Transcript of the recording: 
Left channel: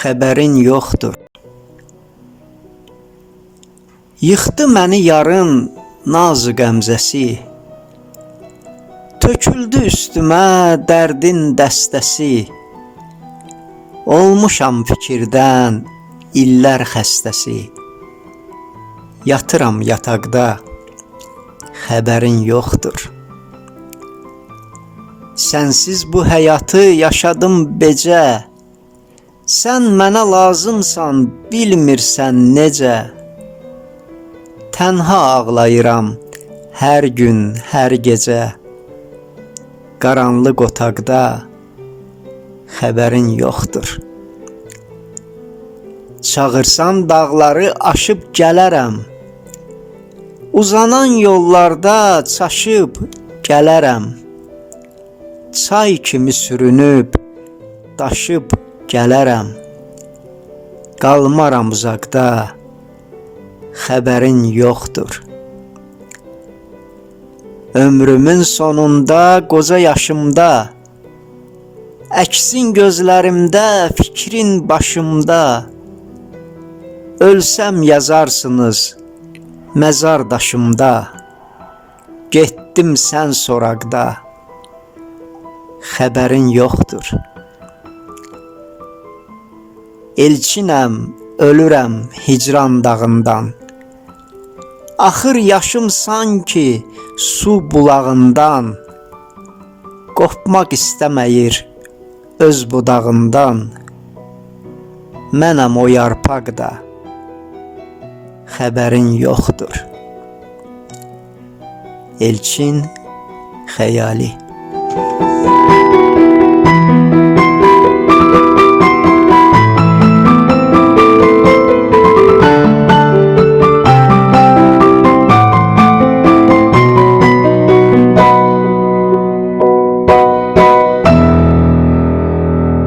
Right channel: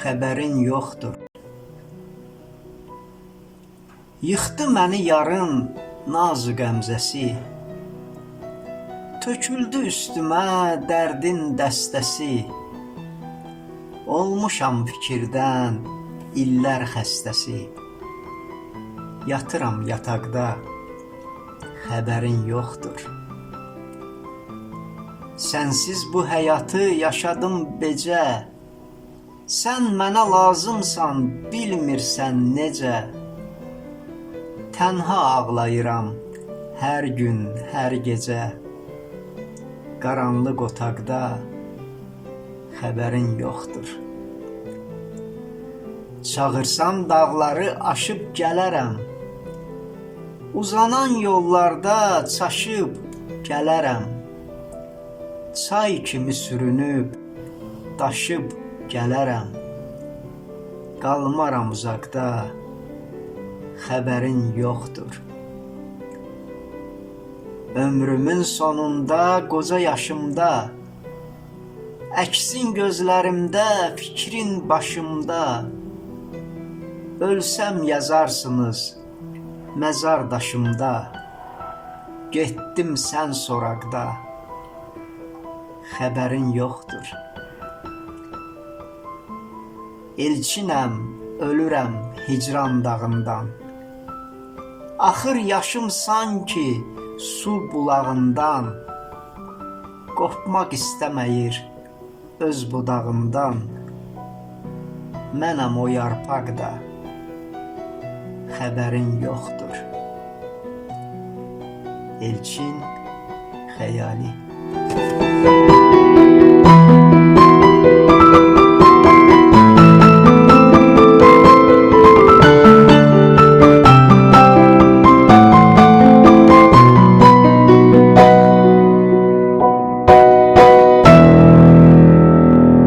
xəbərin yoxdur. Yıxdı məni yarın nazı qəmzəsi, töküldü üstümə dərdin dəstəsi. Olmuşam fikirdən illər xəstəsi, yatıram yataqda, xəbərin yoxdur. Sənsiz bu həyatı yaşadım becə, sən mənə lazımsan, bilmirsən necə. Tənha ağlayıram hər gün, hər gecə, qaranlıq otaqda, xəbərin yoxdur. Çağırsan dağları aşıb gələrəm, uzanan yollarda çaşıb gələrəm. Çay kimi sürünüb, daşıb gələrəm. Qalmaram uzaqda, xəbərin yoxdur. Ömrümün sonunda, qoca yaşımda, əksin gözlərimdə, fikrin başımda. Ölsəm yazarsınız məzar daşımda, getdim sən soraqda, xəbərin yoxdur. Elçinəm, ölürəm hicran dağından, axır yaşım sanki su bulağından. Qopmaq istəməyir öz budağından, mənəm o yarpaq da, xəbərin yoxdur. Elçin Xəyali.